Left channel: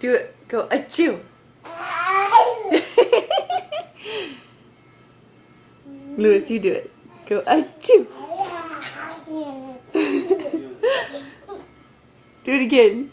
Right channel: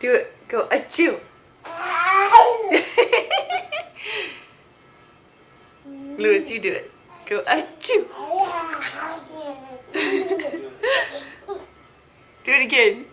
Do it. Go achoo. Lewis, you do it. Go achoo. Do it again.